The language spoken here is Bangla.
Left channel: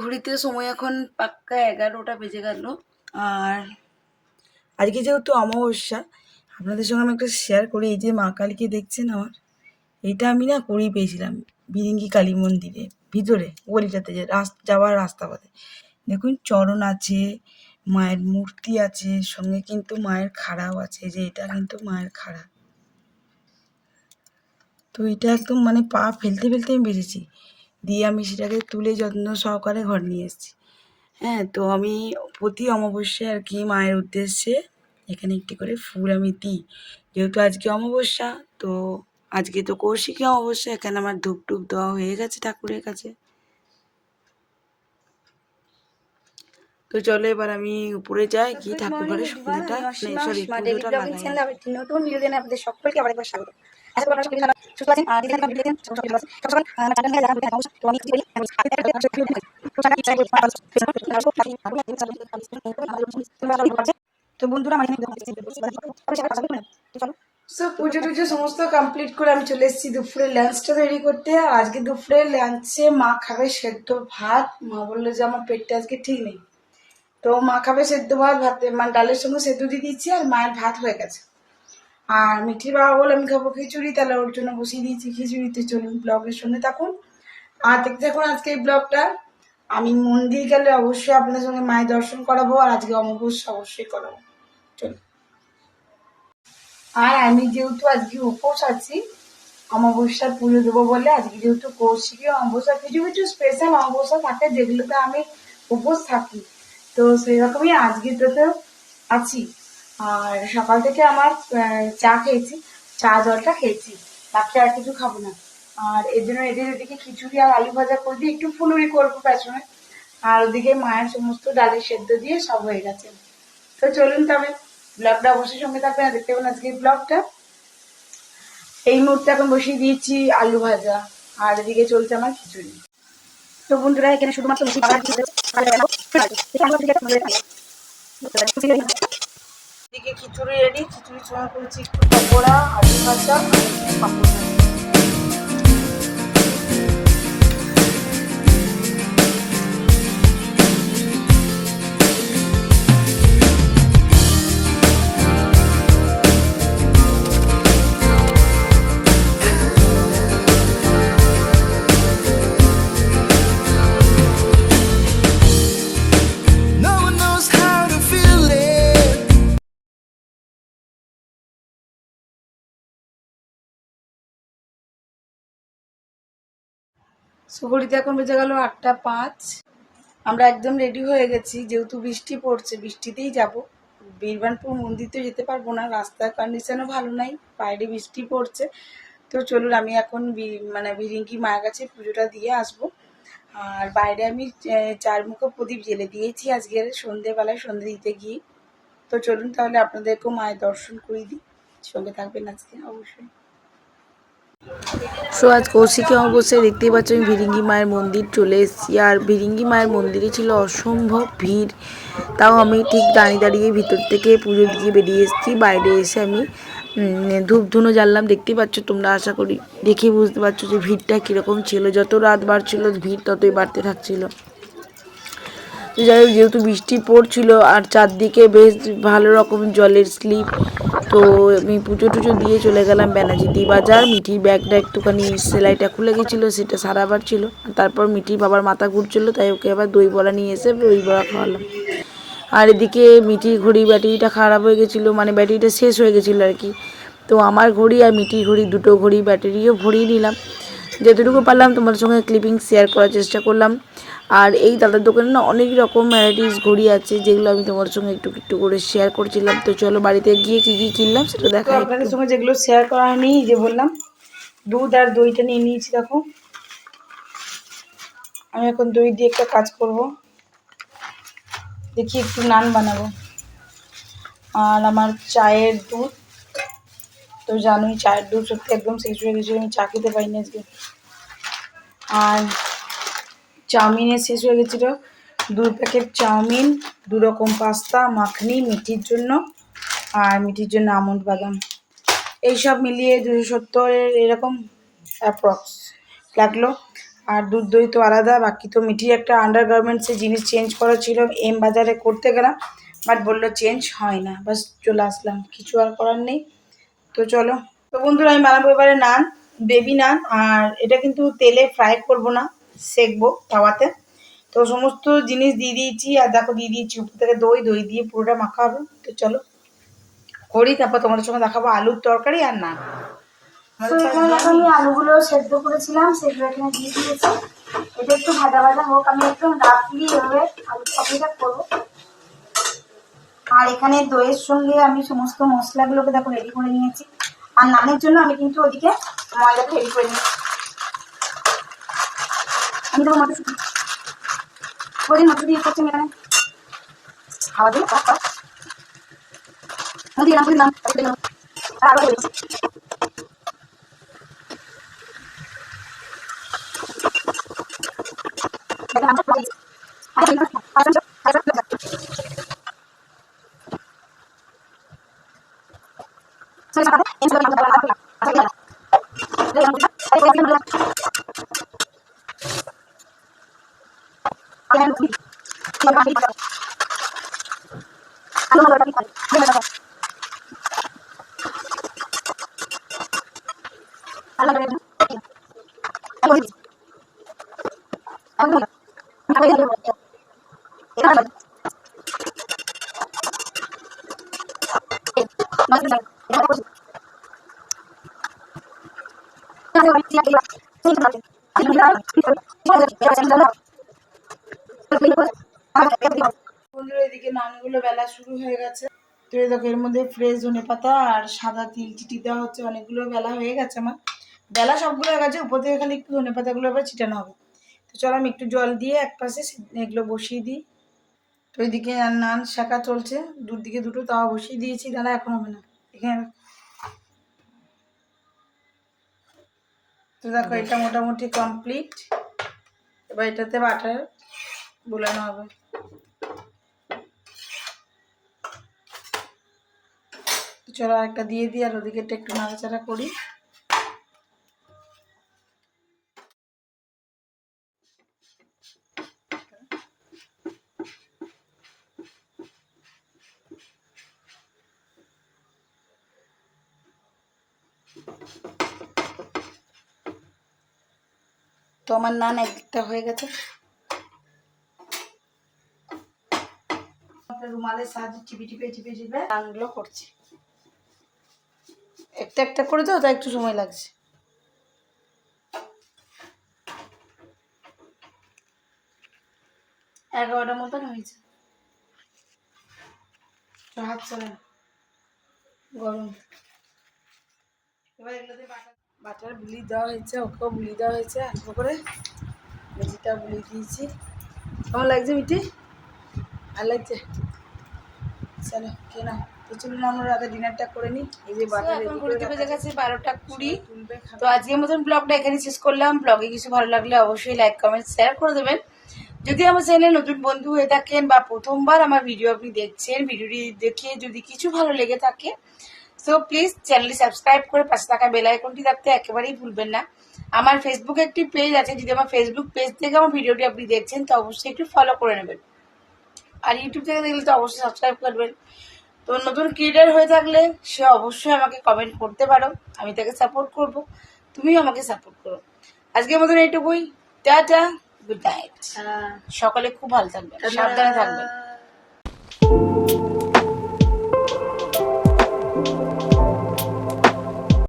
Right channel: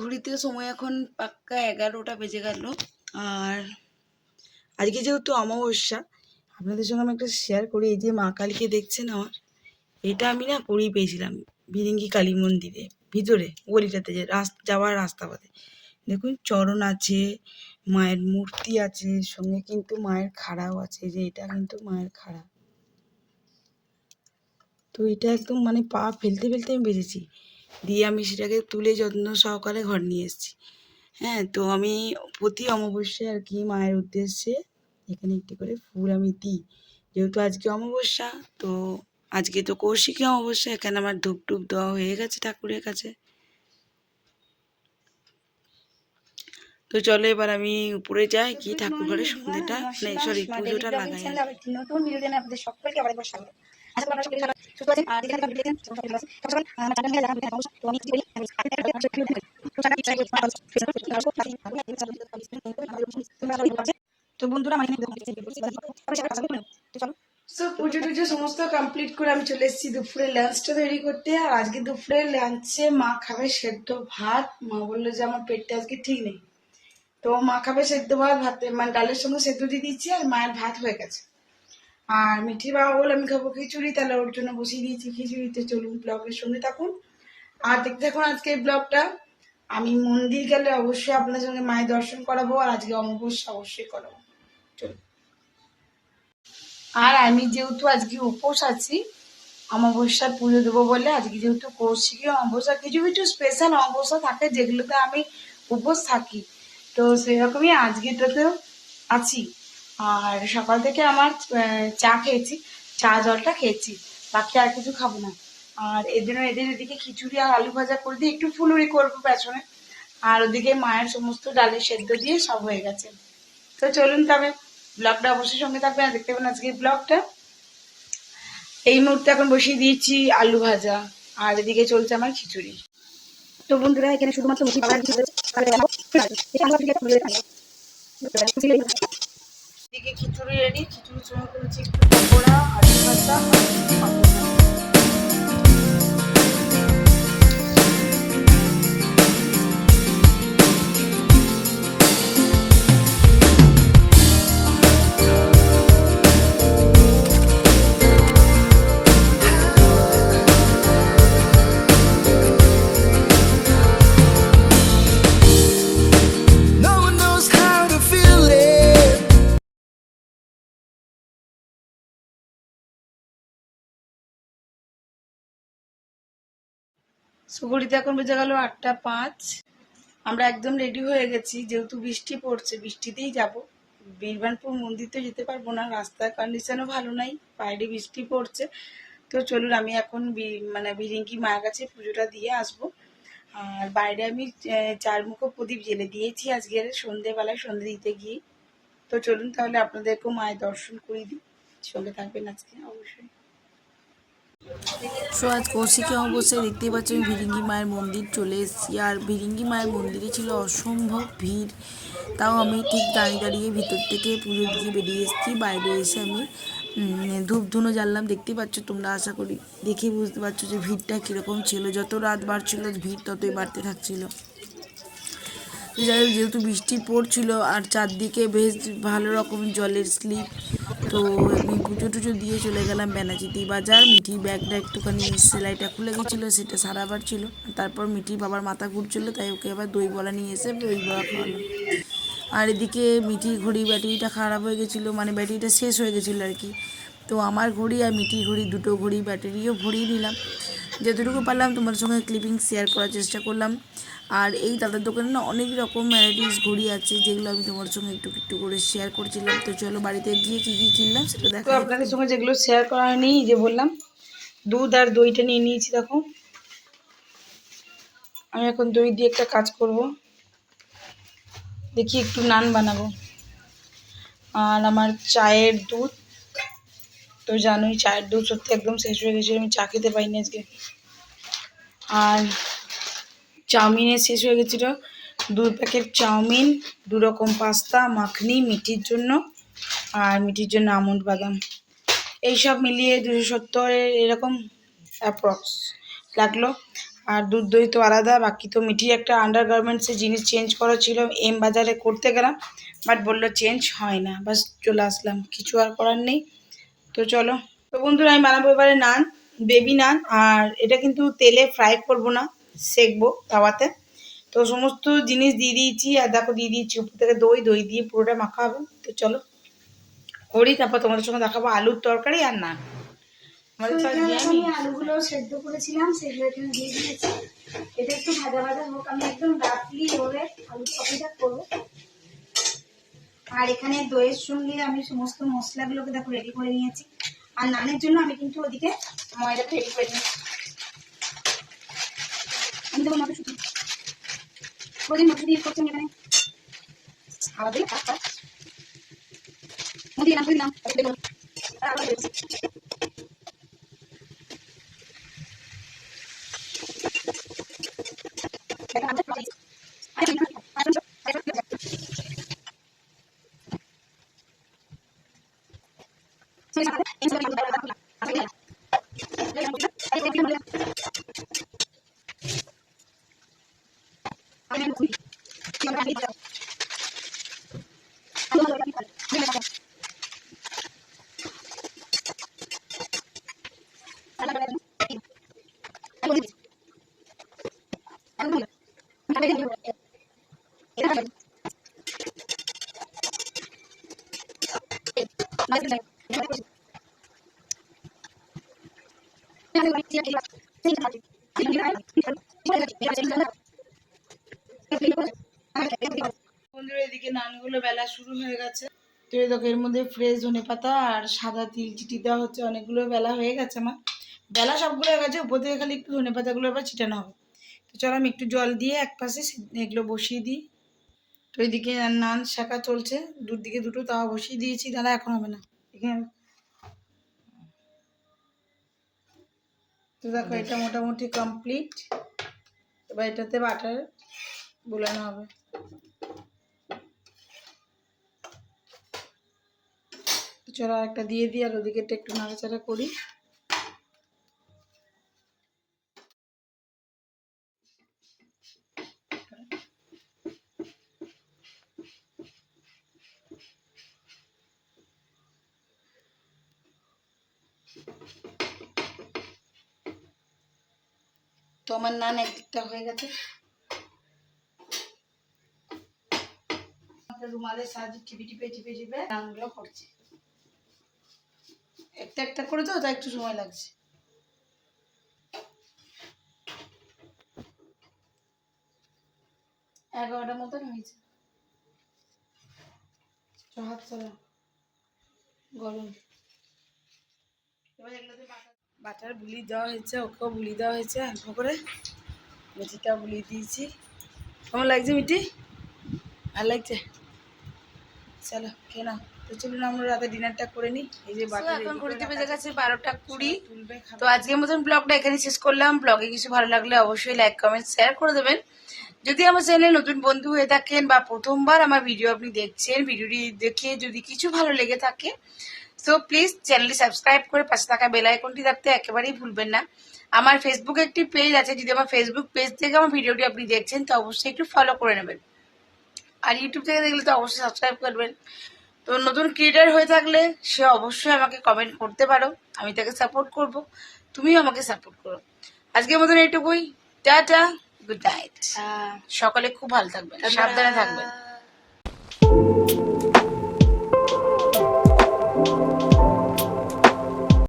ঘড়িতে সময় এখন পাক্কা 11টা বেজে গেল। আর আজকে যেহেতু অমাবস্যা, আপনাদের সঙ্গে আমি একটা শেয়ার করি। এই যে মা কালীকে দেখছেন আমার, এটা আমি না করেই পেয়েছিলাম বিরিঙ্গি কালী মন্দিরে ভিতরে গলিটাতে, যে যাওয়ার রাস্তা পথে দেখুন চরণ আছে, মায়ের মূর্তি আছে, সঙ্গে কিন্তু মায়ের খাড়াও আছে। যে এটা কিন্তু মায়ের খাড়া। তো এটা একদম মানে পা ফেলতে ফেলতে আমি বেরিয়েছি, দিয়ে আমি সেটাকে তুলে যত্ন সহকারে ঘর নিয়ে এসেছি। হ্যাঁ, তো আমি প্রতি অমাবস্যায় আর কি মায়ের উদ্দেশ্যে এখানে একটি করে ফুল আমি দিই। যেহেতু আজকে অমাবস্যা, তো আজকে তো কৌশিকী অমাবস্যা, এখানে আমার ধূপ টুপ দেওয়া হয়ে গেছে ঠাকুরের কাছে। তো চলো এবার আমি উপরে যাই, কি ঠাকুর ঘরে সন্ধ্যাটা সরি পুজোটা লাগাই। একটি নতুন ভিডিও দেন আপনাদের সকলকে আবার একবার স্বাগত। আশা করি আপনারা সকলে সুস্থ আছেন আর দিদি ভিডিও দেন সকল সকলে আছেন সকল আমার চ্যানেলে যারা ভিডিও দেখেন তো আমি কি বলি তো বন্ধুরা আমার সো পুজো টুজো সমস্ত কমপ্লিট করে আমি চলে এসেছি দুপুরে লাঞ্চটা তৈরি করতে। আর আজকে দুপুরে লাঞ্চে মা খাবে সেদ্ধ ভাত। মা বললো যে আমার পেটটা আজকে ঠিক নেই, তো মা খাবে সেদ্ধ ভাত, ভাতে মানে ডালের সঙ্গে সেদ্ধ দিয়ে দিচ্ছি, আর মায়ের ভাত হয়ে গেছে। আর মিঠির বাবা বলে আমি খাবো খিচুড়ি, তাহলে ওর জন্য বসিয়ে দিয়েছি খিচুড়িতে। চলুন ব্লগের সঙ্গে থাকুন আর দেখতে থাকুন আজকে এই ব্লগটা। আমি মন্দির গেলে অবশ্যই আপনার সঙ্গে মায়ের দর্শন করাবো, আর আজকে অমাবস্যা অবশ্যই করাবো। চলুন। আর আমি যেহেতু আজকে উপোস আছি, অমাবস্যার পুজো দেবো বলে, আজকে যেহেতু কৌশিকী অমাবস্যা, কিছু কিছু স্পেশাল অমাবস্যা থাকে যেগুলোতে আমি উপোস থাকি, তো সেরকমই আজকেটাতেও আছি। আর সকাল থেকে আমার চা খেয়েছি, চা জলটা খেয়েছি, বাকি আর কিছু খাবো না। আর এর জন্য এদের এদিকে খিচুড়ি আর আলু ভাজা করে দিয়ে একটু ফুলুরি করবো পেছনে, আর ওদিকে মায়ের সমস্ত ডালের সেদ্ধ দিয়ে সব হয়ে গেছে। তো চলুন তবে ব্লগটা অবশ্যই সঙ্গে থাকবেন আর দেখতে পাবেন আজকের ব্লগটা। এই মুহূর্তে এখন বসিয়ে দিয়েছি আলু ভাজা, আর এদিকে চলছে আমার খিচুড়ি। তো বন্ধুরা এখানে শুধুমাত্র এদিকে খিচুড়ি রেডি, খিচুড়ি ছোঁয়া করেছি একটু পকোড়া, আলু ভাজা আর একটু পাঁপড়। সুগড়িতে এখন বেজে গেল 8টা 5। আমরা একদম রেডি হয়ে গেছি, যেহেতু বৃষ্টি পড়ছে বৃষ্টিতেই যাব। বীরবানপুর মন্দির তো যেতে পারবো না, রাস্তার কন্ডিশনও ভালো নাই, বাইরে বৃষ্টি পড়ছে। তো চলুন আমি এখন মানে বিরিঙ্কি মায়ের কাছে পুজোটা দিয়ে আসবো। আর বাইরে আমি 4 মুখো প্রদীপ জেলে দিয়েছি আজকের সন্ধেবেলায় সন্ধে দিতে গিয়ে। তো চলুন তাহলে আপনাদেরকেও মায়ের দর্শন করে দিই, সঙ্গে থাকবেন আজকে অবশ্যই। সো আজ কৌশিকী অমাবস্যায় দেখতেই পাচ্ছি আমি ভিরিঙ্গি মায়ের মন্দির চলে এসেছি। আর ভিরিঙ্গি মায়ের মন্দিরে ছিল অসম্ভব ভিড়, তাও আমি ঠিক দাঁড়িয়ে দাঁড়িয়ে ভিতর থেকে পুজো দিয়ে বেরিয়ে এসেছি। বাইরে এসে আমি ধূপ ধুনো জ্বাললাম, দেখতেই পাচ্ছ তোমরা, আশা করি দেখেই বুঝতে পারছো যে ভিড়টা কীরকম ছিল। যত রাত বাড়ছিল ভিড় ততই বাড়তে থাকছিল। যাই হোক, যেহেতু বৃষ্টি পড়ছিল আর চারদিকে বেশ ভালো রকম জলের স্লিপ, তো আমি পুজো টুজো দিয়ে চলে গেলাম ব্যানার্জি বাজার। মিঠির ব্যাগটা একটুখানি সেলাইটা খুলে গেছিলো, সেটা সারাবার ছিল। তারপর মিঠির বাবার মাথা ঘুরছিল, তাই ওকে আবার দই বড়া নিয়ে এসে দই বড়া খাওয়ালাম। আর এদিকে মিঠির ঘড়ি ব্যাটারিটা খারাপ হয়ে গেছিলো, মানে ব্যাটারিটা শেষ হয়ে গেছিলো আর কি। তো আমার ঘড়ি আর মিঠির ঘড়ি দুটো ঘড়ি ব্যাটারিও ভরিয়ে নিলাম। যতটুকু পারলাম তোমাদের সঙ্গে ক্লিপিং শেয়ার করার চেষ্টা করলাম। আর এই দাদার দোকানে না অনেক রকম ভ্যারাইটিস ঘড়ি আছে, যেগুলো আমি তোমার সঙ্গে একটু একটু করে শেয়ার করছিলাম। তো চলো বাড়িতে গিয়ে কী কী কিনলাম সেটা দেখো। আপনাদের সঙ্গে যেগুলো শেয়ার করা হয়নি, যে বললাম দুধ আর দইটা নিয়ে নিয়েছি। দেখো আমি এখন দই দিয়ে একটা কাজ করব, দেখি একটু নান বানাবো। আর আমার চায়ের দুধ, তো জানোই চায়ের দুধ সত্যি একদম শেষ হয়ে গেছিলো, আমি চা খেতে পাইনি আজকে। আর চাউমিনের শেষ হয়ে গেছিলো, 2 প্যাকেট চাউমিন, 2 রকম পাস্তা, মাখনি মিঠির জন্য। আর মিঠির জন্য আমন্ড বাদাম, এইসব মিলিয়ে 270 এরকম অ্যাপ্রক্স লাগলো। আর দুধ দই তো আলাদা, বাকি তো মিঠির একটা আন্ডার গার্মেন্টসের জিনিস চেঞ্জ করা ছিল, এম বাজারে করতে গেলাম, বাট বললো চেঞ্জ হয় না, বাস চলে আসলাম, কিছু আর করার নেই। তো চলো, তো বন্ধুরা আমি বানাবো এবারে নান, বেবি নান। আর এটা কিন্তু তেলে ফ্রাই করব না, সেকবো তাওয়াতে। তো সমস্ত জিনিস দিয়ে দিয়েছি, আর দেখো দিয়ে দিয়েছি উপর থেকে দই, দই দিয়ে পুরোটা মাখা হবে। তো চলো করি, তারপর তোমাদের সঙ্গে দেখাবো আলুর তরকারি আর নান। তো এখানে আমি আলুগুলো সেদ্ধ করেছিলাম, সেগুলো এখানে দিয়ে দিয়েছি। এটা একটু ভাজা ভাজা হোক, আমি একদম রাফলি এভাবে আলু তরকারিটা করবো। আর এখানে দইয়ের সঙ্গে আমি সমস্ত মশলাগুলোকে দেখো রেডি করে নিয়েছি। আর নানের জন্য আমি কিন্তু ওদিকে ময়দাটা রেডি করে নিয়েছি। আমি দেবো মটরশুঁটি, ওদিন মটরশুঁটি ইউজ করছি এখানে খাওয়া দিয়ে দিলাম দিলাম আর আবার বন্ধুরা এদিকে নানগুলো বেলা শুরু হয়ে গেছে। তো এই দেখো এর মধ্যে ফ্রেশ ধনেপাতা আর সাদা তিল চিটি দেওয়া হচ্ছে, অনেকগুলো বেলা হয়ে গেছে আমার, বেলা সবগুলো হয়ে গেছে, উপর থেকে খালি একটু ধনেপাতাগুলো আবার ছিটানো হবে। তো চলো আমি একটু জল দিয়ে এক পাশে এগুলো বসিয়ে দিই। তো এদিকে নান শাঁকা চলছে, দুদিকে দুটো তাওয়া বসিয়ে দিয়েছি, দাঁড়া এখন হবে না এখানে। তো দেখো এটা মোটামুটি কমপ্লিট, এবার এটাতে বাটার বোলানো হবে। চলো একটা দিয়ে দিই, আর ওদিকে একটু নাড়াচাড়া করি। তো আমার নান একদিকটা হয়ে গেছে, রুমালের সাহায্যে টিপে টিপে টিপে টিপে নানগুলো করছি। একটা একটা করে দাও, তাই একটু সময় লাগছে। এগারোটার মতন হয়েছে, হাত চলে গরম। এবার এগুলোতে বাটার বুলি দেওয়া হয়েছে, ওকেও বুলি দেওয়া হয়েছে অল্প করে, মেজিটা বুলি দিয়েছি। কেমন লাগছে মিটি? ভালো লাগছে? চলো খেয়ে নাও। তো চলুন আমরা রাতে ডিনারটা করে নিই। এই যে বাটার এখন ঘুরতে বেজে গেছে 12টা 20। তো আজকের মতন ব্লগটা এখানে শেষ করলাম। ব্লগে কিছু ভালো লাগলে অবশ্যই লাইক কমেন্ট শেয়ার করে দেবেন। যদি আমার চ্যানেলে নতুন বন্ধু হয়ে থাকেন বা প্রথমবার আমার ভিডিও আপনি দেখছেন, ভিডিওটি দেখে যদি কিছু ভালো লেগে থাকে, সো প্লিজ চ্যানেলটি সাবস্ক্রাইব করে পাশে থাকা বেল আইকনটি দাবতে একেবারেই ভুলবেন না। আমার ফেসবুকে একটি পেজ আছে, যদি আমার ফেসবুক পেজ থেকে আমার ভিডিওটি আপনি দেখছেন তো অবশ্যই একটু ফলো করে নেবেন। আর ইউটিউব থেকে দেখলে তো অবশ্যই সাবস্ক্রাইব করবেন। তো নতুন ক্রিয়েটার হয়ে থাকলে সে অবশ্যই আমাকে কমেন্ট করতে পারো, আমি তাকে সাপোর্ট করব, তুমিও আমাকে সাপোর্ট করো। আজকের মতন এইটুকুই, টাটা, গুড নাইট। সকালে খুব ভালো থাকবেন, সাবধানে থাকবেন।